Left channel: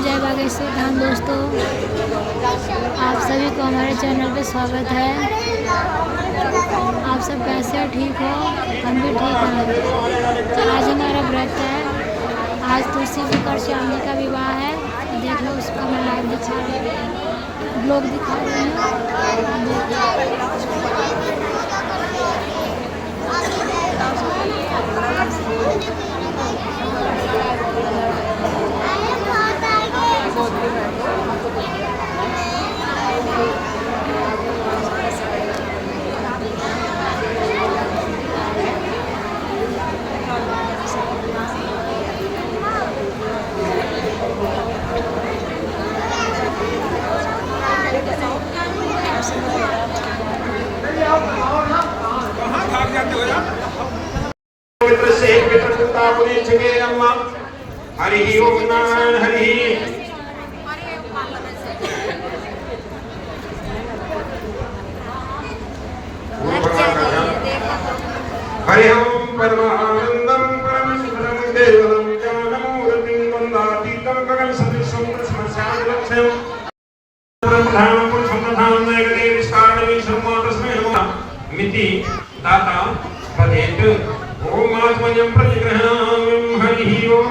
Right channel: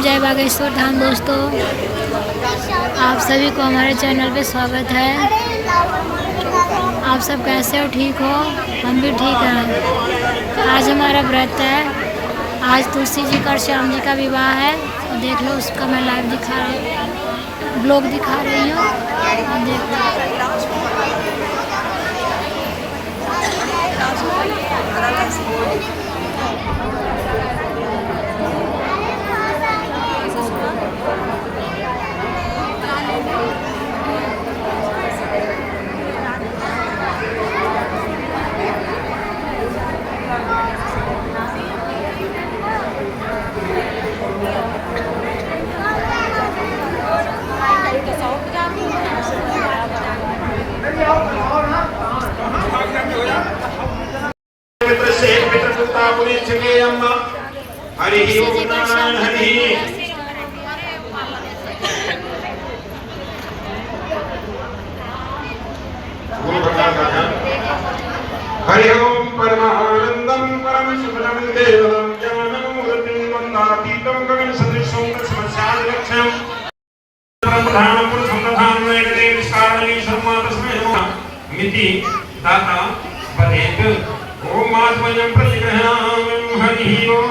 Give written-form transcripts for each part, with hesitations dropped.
राम, जय बागेश्वर धाम। दोस्तों, आप सभी को हमारे चैनल पे स्वागत है। आप सब कैसे हो? ठीक हो? हम भी ठीक हैं। आज हमारा व्रत है। आज तुलसी जी का और श्याम जी का विवाह है। तो देख लो, उसका मैं लाइव दिखा रही हूँ, ब्लॉग दिखा रही हूँ। देख हरि ओम नारायण हरि हरि ओम परमानंदं परम सुखदं देवं ज्ञानं वृत्तिं वन्दातीतं गगन सदृशं तस्मस्यादिलक्ष्यं ब्रह्मधाम पुरुषोत्तम नैवेद्य विस्तारणी शर्मा तस्मै नमः मिति दाता वदेत ओम आत्मजं प्रतिग्रहामि हरि ओम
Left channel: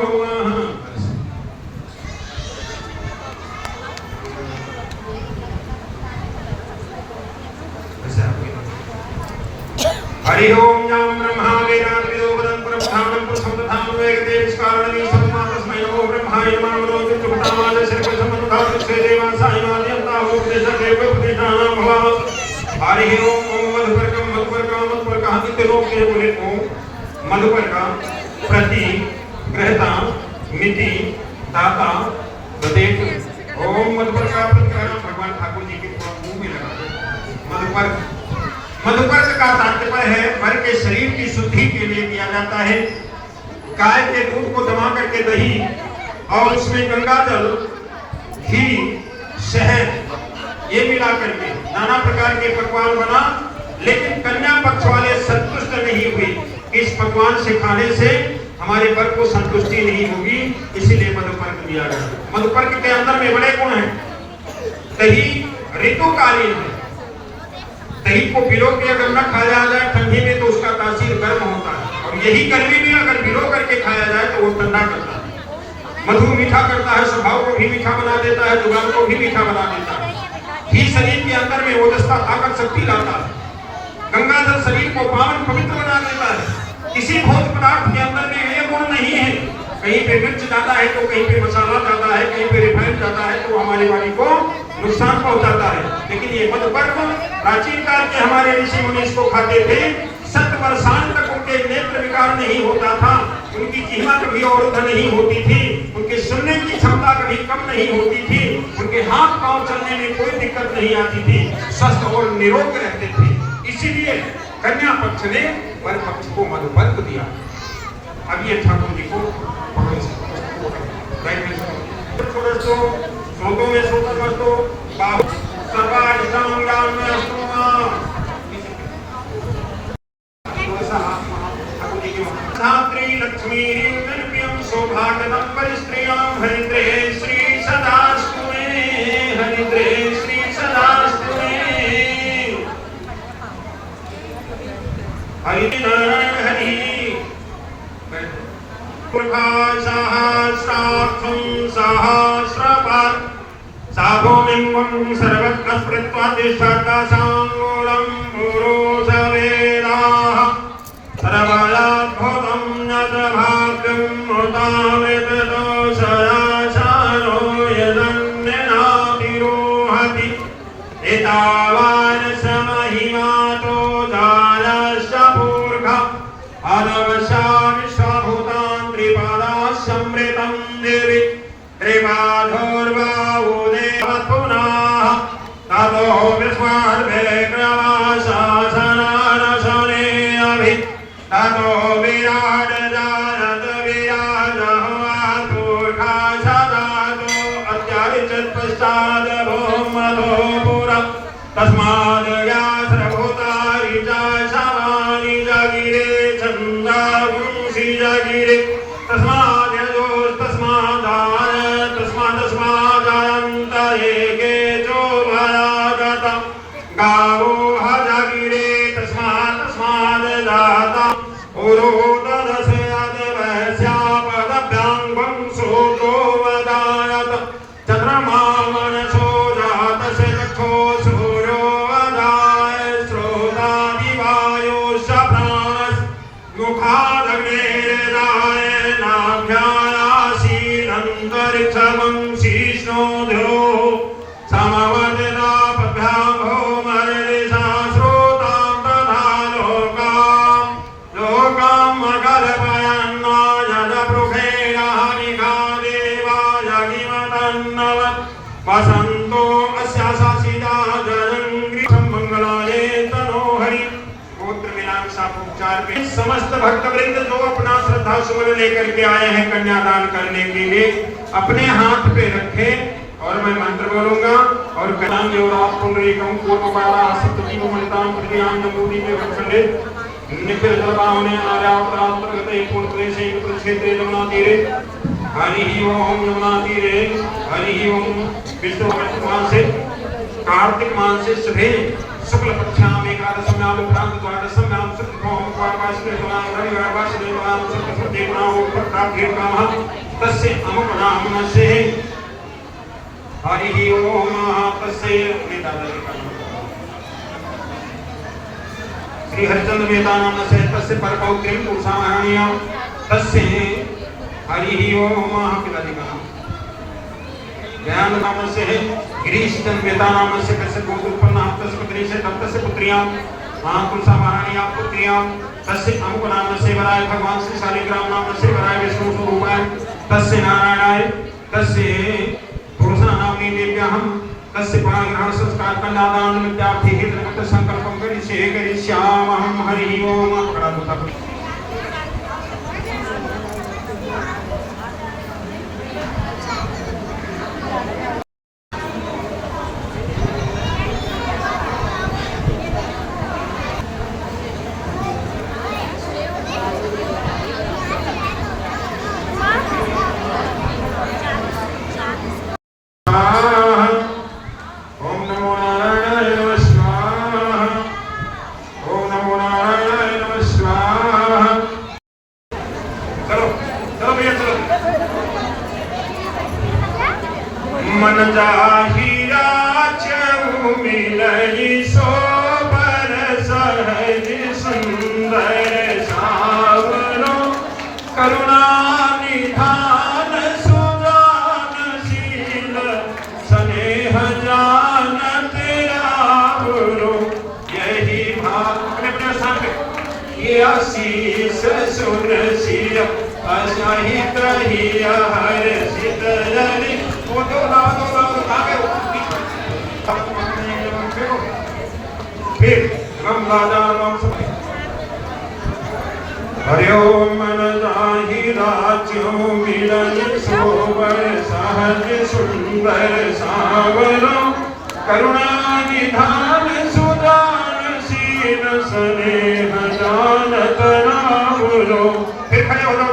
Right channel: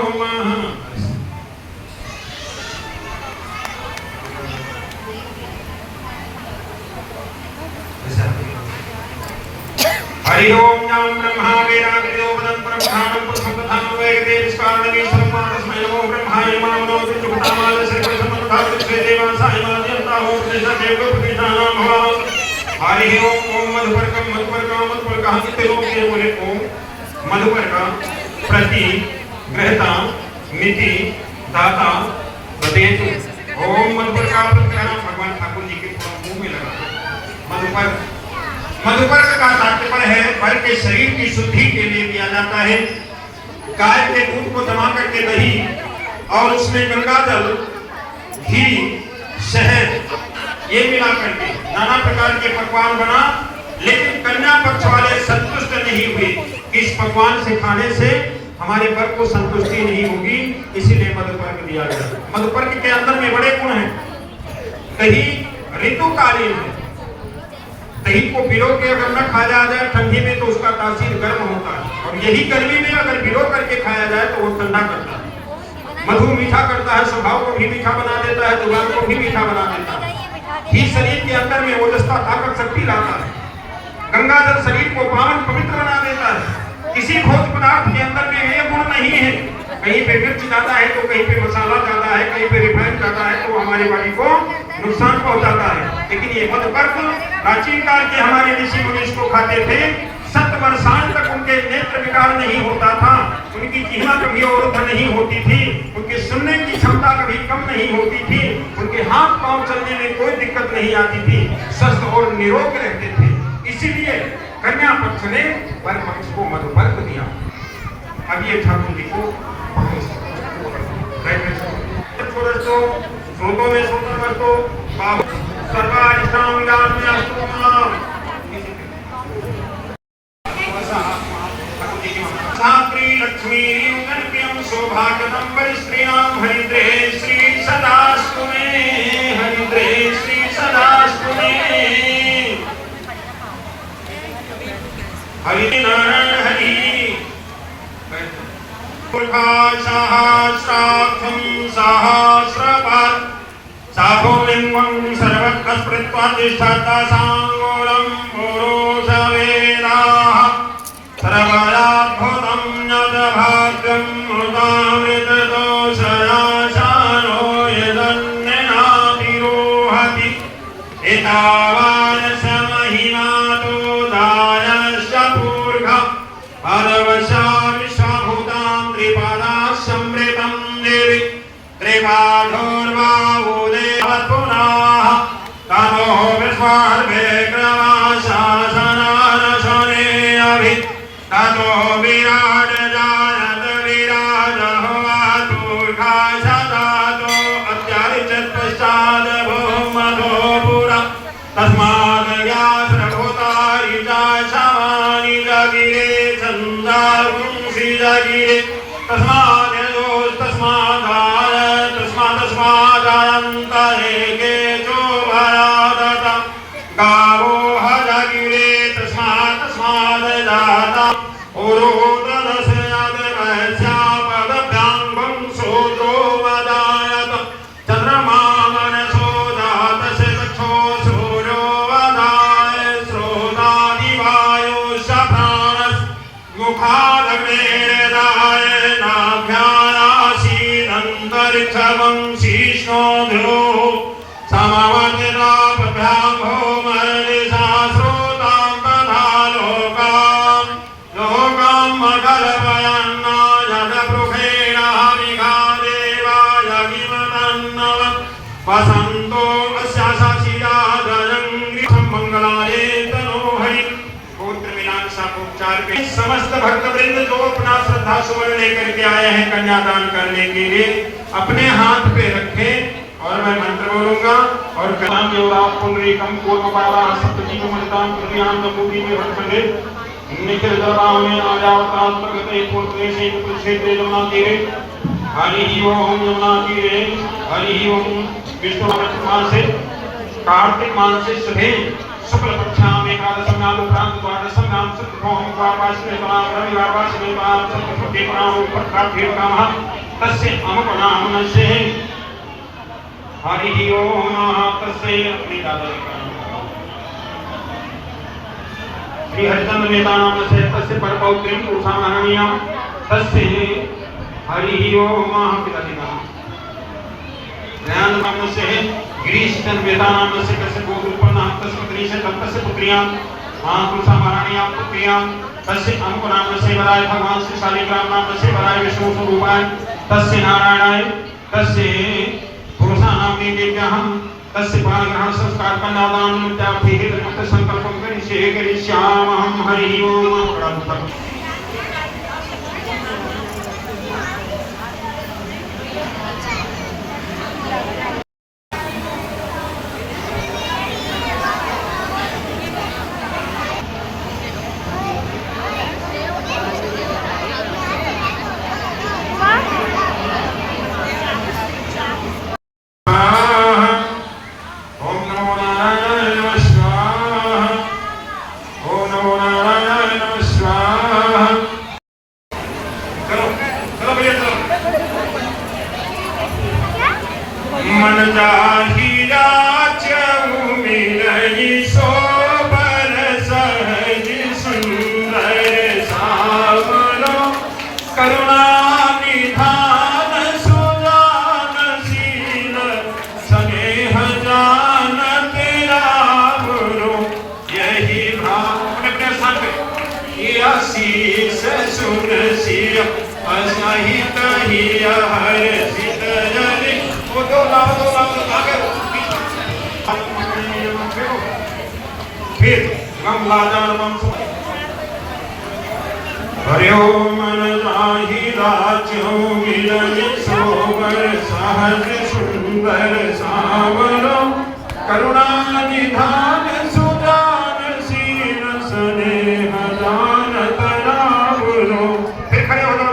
हरि ओम नाम ब्रह्मा वेदांतोपदं परमधामं पुरुषोत्तम वेदे विस्तारणे शर्मा तस्मै नमो ब्रह्माय नमो विष्णुपदाय श्रीकृष्णपदाय श्रीदेवासाय नामयन्ता हो देव प्रतिदानं भव हरि ओम मधुपर्कं नित्यलोके बोले ओम मधुपर्का प्रति ग्रहता मिति दाता वदेत ओम मधुपर्का प्रतिग्रहण भगवान ठाकुर जी के मुंह में लगा मधुपर्क। मधुपर्क का तात्पर्य है पर के शरीर की शुद्धि के लिए किया जाता है। गाय के दूध को जमा करके दही और उसमें गंगा जल, घी, शहद ये मिला करके नाना प्रकार के पकवान बना, लेकिन कन्या पक्ष वाले संतुष्ट नहीं हुए। इस पकवान से खाने से हमारे वर को संतुष्टि नहीं होगी, इसीलिए मधुपर्क दिया गया। मधुपर्क के अंदर में बड़े गुण हैं। दही ऋतुकालीन है। दही को भिगो के अगर न खाया जाए ठंडी में तो उसका तासीर गर्म होता है, और यही गर्मी में अगर भिगो करके खाया जाए तो वो ठंडा करता है। मधु मीठा करता है, स्वभाव को भी मीठा बना देता है, जुबान को भी मीठा बना देता है। घी शरीर के अंदर में ओजस्ता ताकत शक्ति लाता है। गंगा जल शरीर को पावन पवित्र बना देता है। किसी भोज्य पदार्थ के अंदर में ये गुण नहीं है। कहीं पे मिर्च जाता है तो कहीं पे मसाला जाता है, कहीं पे रिफाइंड जाता है तो हमारी बॉडी को नुकसान पहुंचाता है। लेकिन ये मधुपर्क प्राचीन काल के हमारे ऋषि मुनि इसको खाते थे। 7 वर्षांत तक उनके नेत्र विकार नहीं होता था, उनकी जिह्वा कभी अवरुद्ध नहीं होती थी, उनके सुनने की क्षमता कभी कम नहीं होती थी, उनके हाथ पांव चलने में कोई दिक्कत नहीं आती थी, स्वस्थ और निरोग रहते थे। इसीलिए कन्या पक्ष ने वर पक्ष को मधुपर्क दिया। अब ये ठाकुर जी को श्लोकों में सुंदर कर दो लक्ष्मी सौभाग्यम परिश्रियां हरिद्रे श्री सदास्तुमे हरिद्रे श्री सदास्तुमे हरि नारायण हरि सहस्रार्थं सहस्रपाद साभूमिं सर्वत्र स्मृत्वा सांगोलं पुरुषवेदाः सर्वदाद्भुतं यद्भाग्यं मुदामितदोषयाशानो यदन्यनातिरोहति एतावान् स महिमातो दायश्च पूर्घ अदवशा विश्वभूतां त्रिपदा समृतं देवि त्रिपाधोर्वावुदेवपुनाः ततो विश्वार्भेग्रमाशासनारसने अभि ततो विराट जायत विराजः वातुर्खा सदातो अत्यारिचत्पश्चाद् भूमधो पुरा तस्माद् व्यासभूतारि च शवानि जगिरे छन्दांसि जगिरे तस्माद् परिच्छवं शीष्णो द्यो समवर्तिताभ्यां भौमरिशास्रोतां तथा लोकां कल्पयन्ना यदपृखेण हरिका देवाय किमतन्नवत् वसन्तो अस्या मंगलाय तनो हरि पुत्र मीनाक्षा उपचार के समस्त भक्त वृंद जो अपना श्रद्धा सुमन लेकर के आए हैं कन्यादान करने के लिए अपने हाथ पे रखें और मैं मंत्र बोलूंगा और कलाम योराप पुंडरीकम कोटपाला सप्तजीव मणिताम प्रतियान नमूति में भक्सले निखिल दरबार में आजावताल प्रगते पुत्र से क्षेत्र जमुना तीरे हरि ओम यमुना तीरे हरि ओम विष्णु मास से कार्तिक मास से सुबह शुक्ल पक्षाम एकादशम्याम उपरांत द्वादशम्याम शुक्लभौम प्रापाश्वेतमाम रविवारवासवेतमाम शुक्लपतिपनाम उपकाभ्येतमाम तस्य अमपनाम नस्य हरि ओम तस्य अपने दादा का श्री हरिचंद्र मेहता नाम से तस्य परपौत्रीं पुरुषामहरणीयां तस्य हरि ओम पिताजी का दयानंद नाम से गिरीशचंद्र मेहता नाम से तस्य गोकुलपन्ना तस्य पुत्री से तस्य पुत्रियां महापुरुषा महाराणियां पुत्रियां तस्य अमुक नाम से वराय भगवान श्री शालिग्राम नाम से वराय विष्णु स्वरूपाय तस्य नारायणाय तस्य पुरुषा नाम्नि देव्यां तस्य पाणिग्रहण संस्कार कन्यादान निमित्ताभिः संकल्पं करिष्यामहं हरि ओम प्रणतः मन जाहिरा चऊ मिलई सोबर सहज सुंदर सावरो करुणा निधान सुजानशील स्नेह जानत रावरो यही भाव अपने संग ये आशीष सुन सिया असहि कही हर सितरनी फिर हरि ओम मन जाहिरा चऊ मिलन सोबर सहज सुंदर सावरो करुणा निधान सुजानशील स्नेह जानत रावरो। फिर खड़े हो जाओ।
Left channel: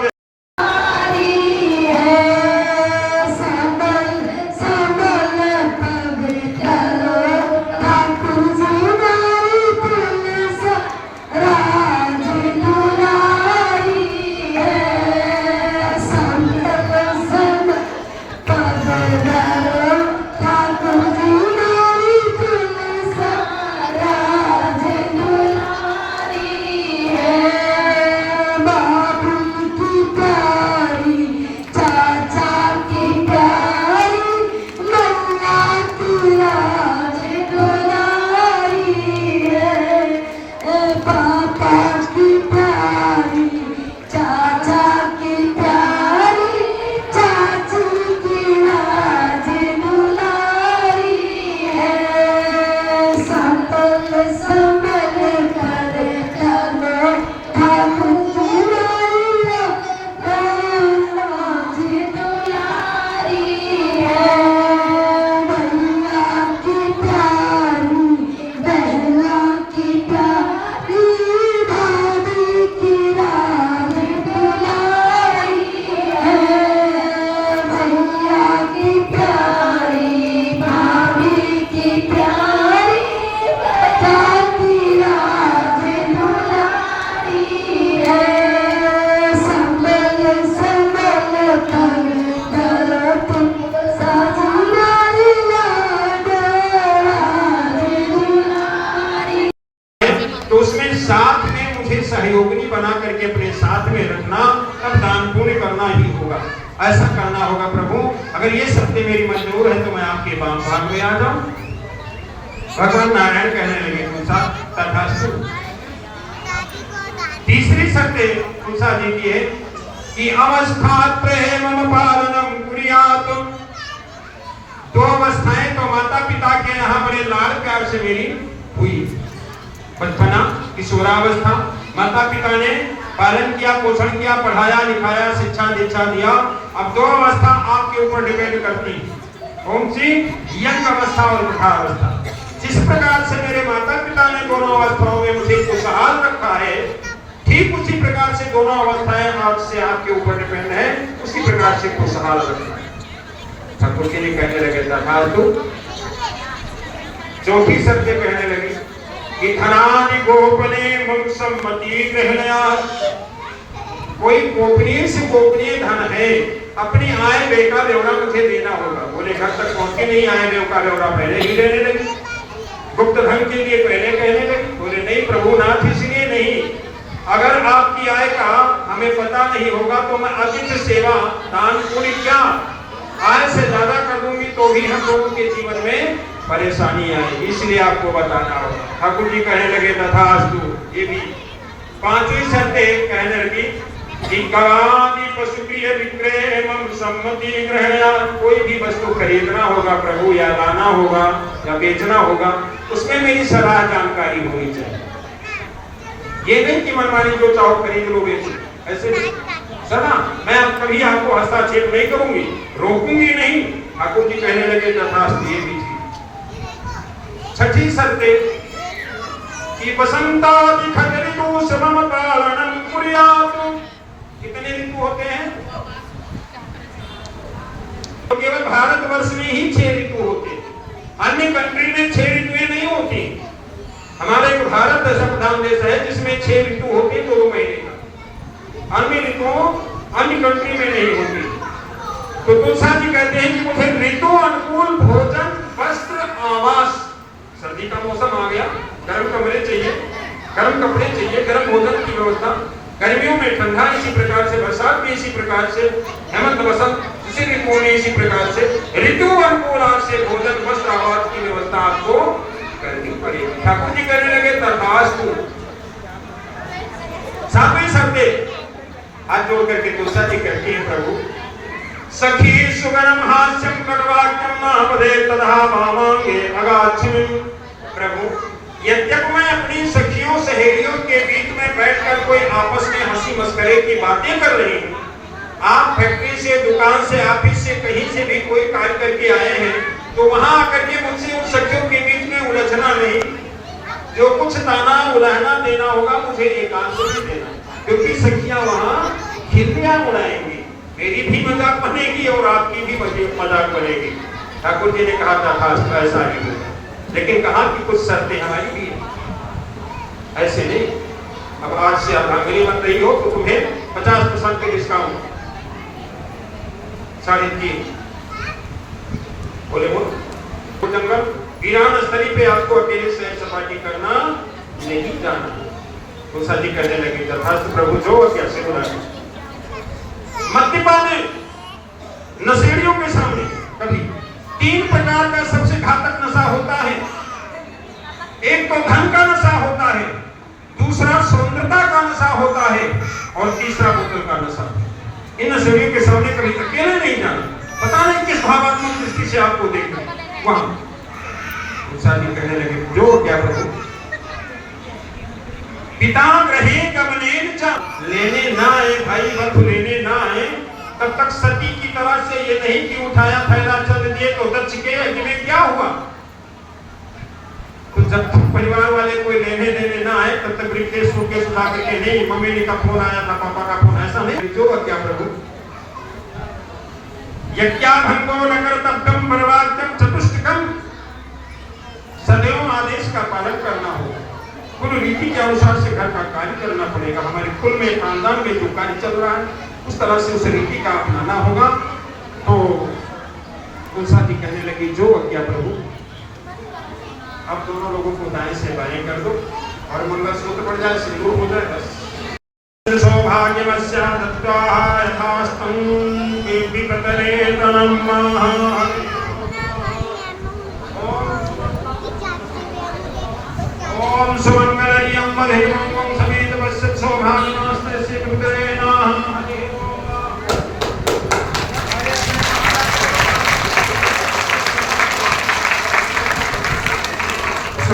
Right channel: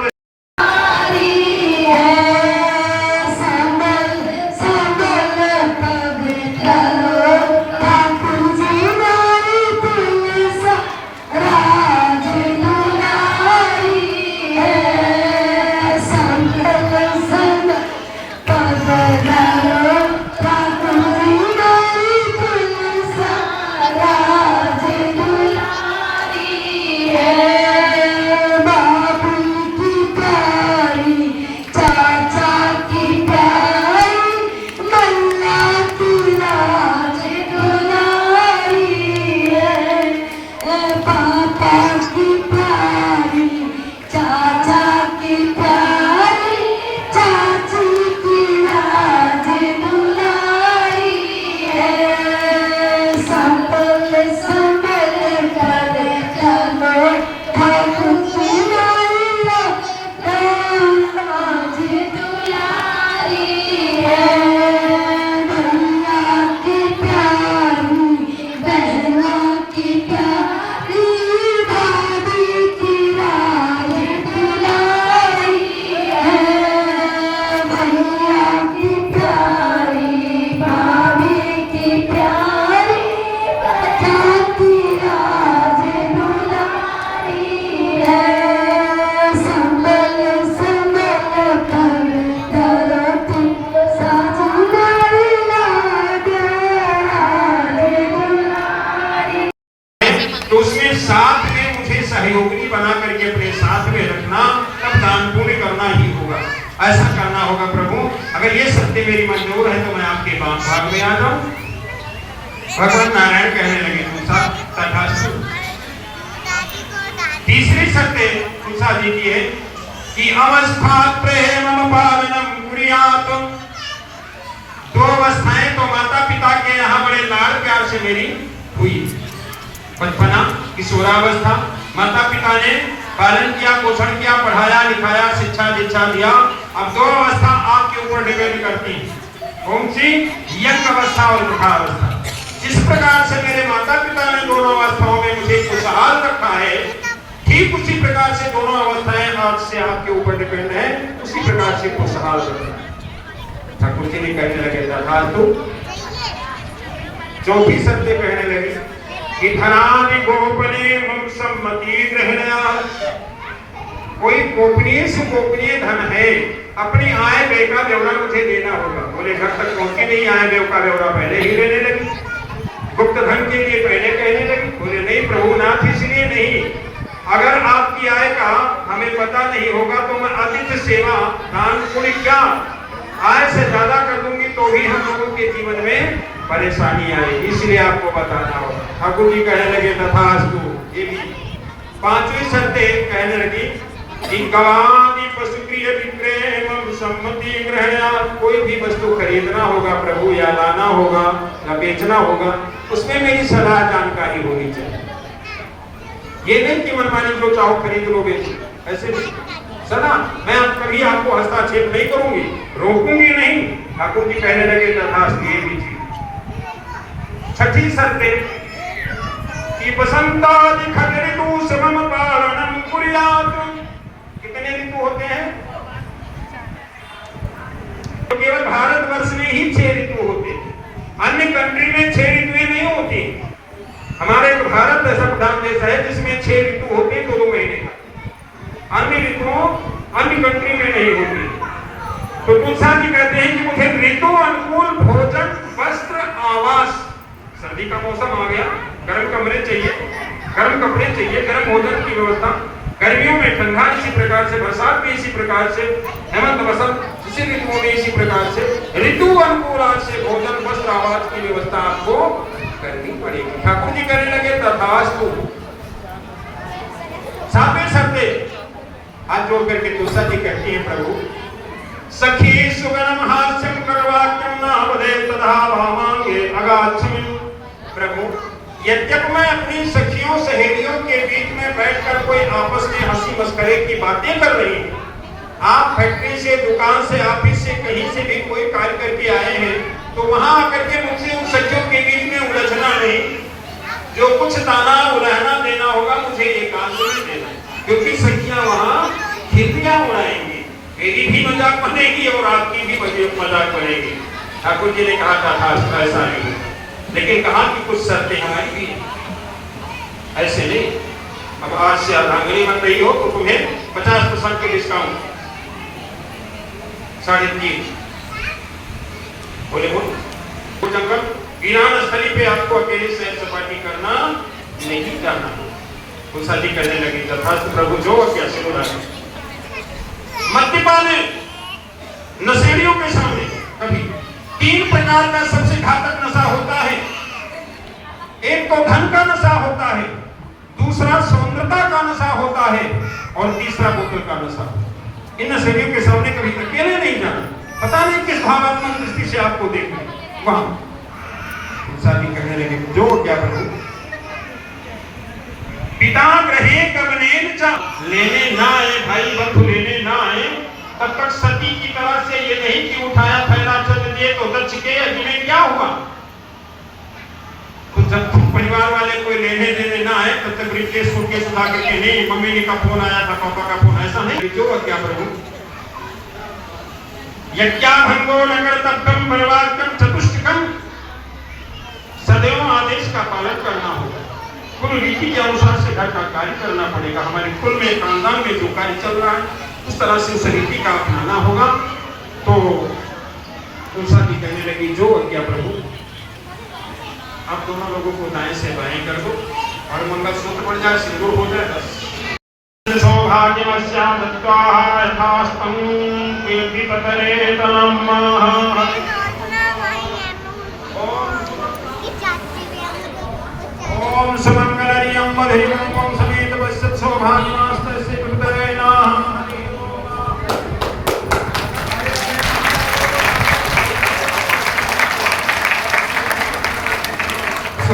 अगर ये सत्य मेरी मंजूर है तो मैं आपके भाग में आ जाऊं। भगवान नारायण कहने लगे तुलसा तथास्तु। तीसरी सत्य तुलसा जी की है कि अवस्था प्रेम पालनम कुर्यात्। दो अवस्थाएं तो माता पिता के यहाँ बड़े लाड़ प्यार से मेरी हुई। बचपना, किशोरावस्था, माता पिता ने पालन किया, पोषण किया, पढ़ाया लिखाया, शिक्षा दीक्षा दिया। अब दो अवस्था आपके ऊपर डिपेंड करती है, कौन सी? यंग अवस्था और वृद्धावस्था। जिस प्रकार से मेरे माता पिता ने दोनों अवस्थाओं में मुझे खुशहाल रखा है, ठीक उसी प्रकार से दोनों अवस्थाएं आज से आपके ऊपर डिपेंड है, उसी प्रकार से खुशहाल रखना है। ठाकुर जी ने कहने लगे तथास्तु। चौथी सत्य कहने लगे कि धनादि गोपने मम सम्मति ग्रहणया। कोई गोपनीय से गोपनीय धन है, अपनी आय व्यय का ब्यौरा मुझे देना होगा। बोले घर तक पहुंचे नहीं, आय व्यय का ब्यौरा पहले ही देने लगे। गुप्त धन के लिए पहले कहने लगे। बोले नहीं प्रभु नाथ, इसलिए नहीं, अगर आपकी आय का हमें पता नहीं होगा तो मैं अतिथि सेवा दान पुण्य क्या आय से ज्यादा कर दूंगी तो भी हम लोगों के जीवन में परेशानी आएगी, इसलिए आपको बताना होगा। ठाकुर जी कहने लगे तथास्तु। ये भी पांचवी शर्त कहने लगी कि गवादि पशु प्रिय विक्रय मम सम्मति ग्रहणया। कोई भी वस्तु खरीदना होगा प्रभु, या लाना होगा या बेचना होगा, उसमें मेरी सलाह जानकारी होनी चाहिए। ये नहीं कि मनमानी जो चाहो खरीद लो बेचो, ऐसे नहीं। सना मैं कभी आपको हस्तक्षेप नहीं करूंगी, रोकूंगी नहीं। ठाकुर जी कहने लगे तथास्तु। ये भी छठी शर्त कि बसंतादि खग ऋतु समम पालनम कुर्यात्। कितने ऋतु होते हैं? तो केवल भारतवर्ष में ही 6 ऋतु होते हैं, अन्य कंट्री में 6 ऋतुएं नहीं होती। हमारे भारत ऐसा प्रधान देश है जिसमें 6 ऋतु होते 2 महीने तक, अन्य ऋतुओं अन्य कंट्री में नहीं होती। तो तुलसा जी कहते हैं कि मुझे ऋतु अनुकूल भोजन, वस्त्र, आवास। सर्दी का मौसम आ गया, गर्म कमरे चाहिए, गर्म कपड़े चाहिए, गर्म भोजन की व्यवस्था। गर्मियों में ठंडा, इसी प्रकार से बरसात में इसी प्रकार से, हेमंत वसंत इसी ऋतुओं में इसी प्रकार से ऋतु अनुकूल से भोजन, वस्त्र, आवास की व्यवस्था आपको करनी पड़ेगी। ठाकुर जी कहने लगे तथास्तु। सातवें शब्द हाथ जोड़ करके तुलसा जी कहती है प्रभु सखी सुगणम हास्यम कटवाक्यम नामदे तथा भावांगे अगाच्छमि। प्रभु यद्यपि मैं अपनी सखियों सहेलियों के बीच में बैठकर कोई आपस में हंसी मस्करे की बातें कर रही हूँ, आप फैक्ट्री से, दुकान से, ऑफिस से, कहीं से भी कोई कार्य करके आए हैं, तो वहां आकर के मुझसे उन सखियों के बीच में उलझना नहीं। जो कुछ ताना उलझना देना होगा मुझे एकांत में देना, क्योंकि सखियां वहां खिल्लियां उड़ाएंगी, मेरी भी मजाक बनेगी और आपकी भी मजाक बनेगी। ठाकुर जी ने कहा था ऐसा नहीं, लेकिन कहा कि कुछ शर्तें हमारी भी है, ऐसे नहीं। अब आज से अर्धांगिनी बन रही हो तो तुम्हें 50% की डिस्काउंट, 3.5। बोले बोल जंगल वीरान स्थली पे आपको अकेले सैर सपाटी करना नहीं जाना। तुलसा जी कहने लगी तथास्तु प्रभु, जो कैसे बोला है। मद्यपान नशेड़ियों के सामने कभी 3 प्रकार का सबसे घातक नशा होता है। एक तो धन का नशा होता है, दूसरा सौंदर्यता का नशा होता है, और तीसरा बोतल का नशा। इन नशेड़ियों के सामने कभी अकेले नहीं जाना, पता नहीं किस भावात्मक दृष्टि से आपको देख वहां। जी कहने लगे जो क्या प्रभु पिता ग्रहे कमनेन च, लेने ना आए भाई बंधु, लेने ना आए तब तक सती की तरह से ये नहीं कि उठाया थैला चल दिए तो उधर छिके, तुम्हें क्या हुआ। तो जब परिवार वाले कोई लेने देने ना आए तब तक ब्रीफकेस सूटकेस उठा करके नहीं, मम्मी का फोन आया था, पापा का फोन, ऐसा नहीं। जो क्या प्रभु यज्ञा भंगो नगर तब्दम परिवारकम चतुष्टकम, सदैव आदेश का पालन करना होगा। कुल रीति के अनुसार से घर का कार्य करना पड़ेगा। हमारे कुल में, खानदान में जो कार्य चल रहा है उस तरह से उस रीति का अपनाना होगा। तो तुलसा जी कहने लगी जो क्या प्रभु, आप दोनों लोगों को दाएं से बाएं कर दो और मंगलसूत्र पड़ जाए, सिंदूर हो जाए, बस। सौभाग्यमस्या दत्त्वा यथास्तं केऽपि ततरेतनं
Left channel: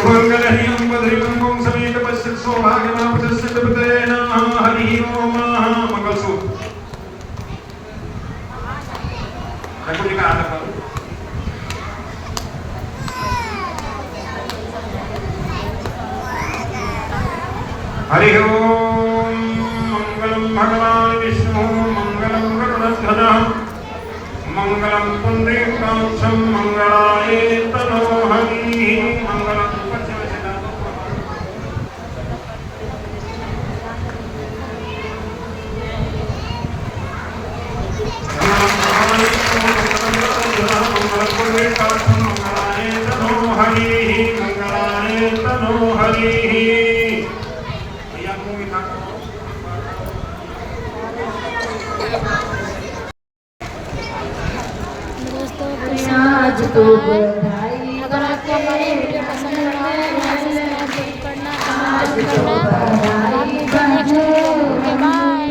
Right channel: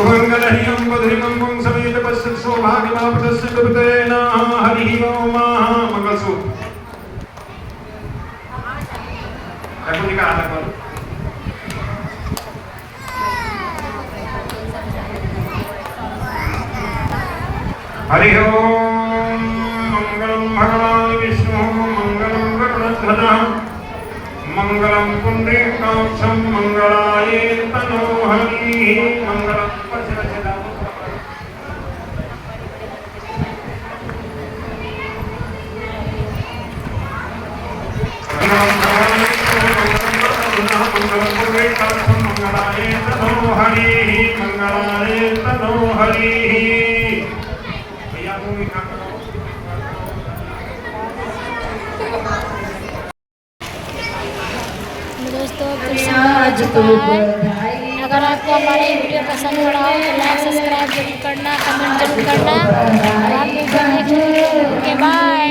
मंगलहीनं बद्रिमं समेत पश्यत् सौभाग्यमापतस्य दुर्गतेन हरिः ओम मंगलसु रघुजी का हाथ करो हरिः ओम मंगलम भगवान विष्णु मंगलम गरुड़ध्वजः मंगलम पुंडरीकाक्षं मंगलाय तनोहरि मंगलम दोस्तों अगर आपको हमारी वीडियो पसंद पड़ा हो तो लाइक सब्सक्राइब जरूर करना, कमेंट जरूर करना और आप नेक्स्ट वीडियो में बाय।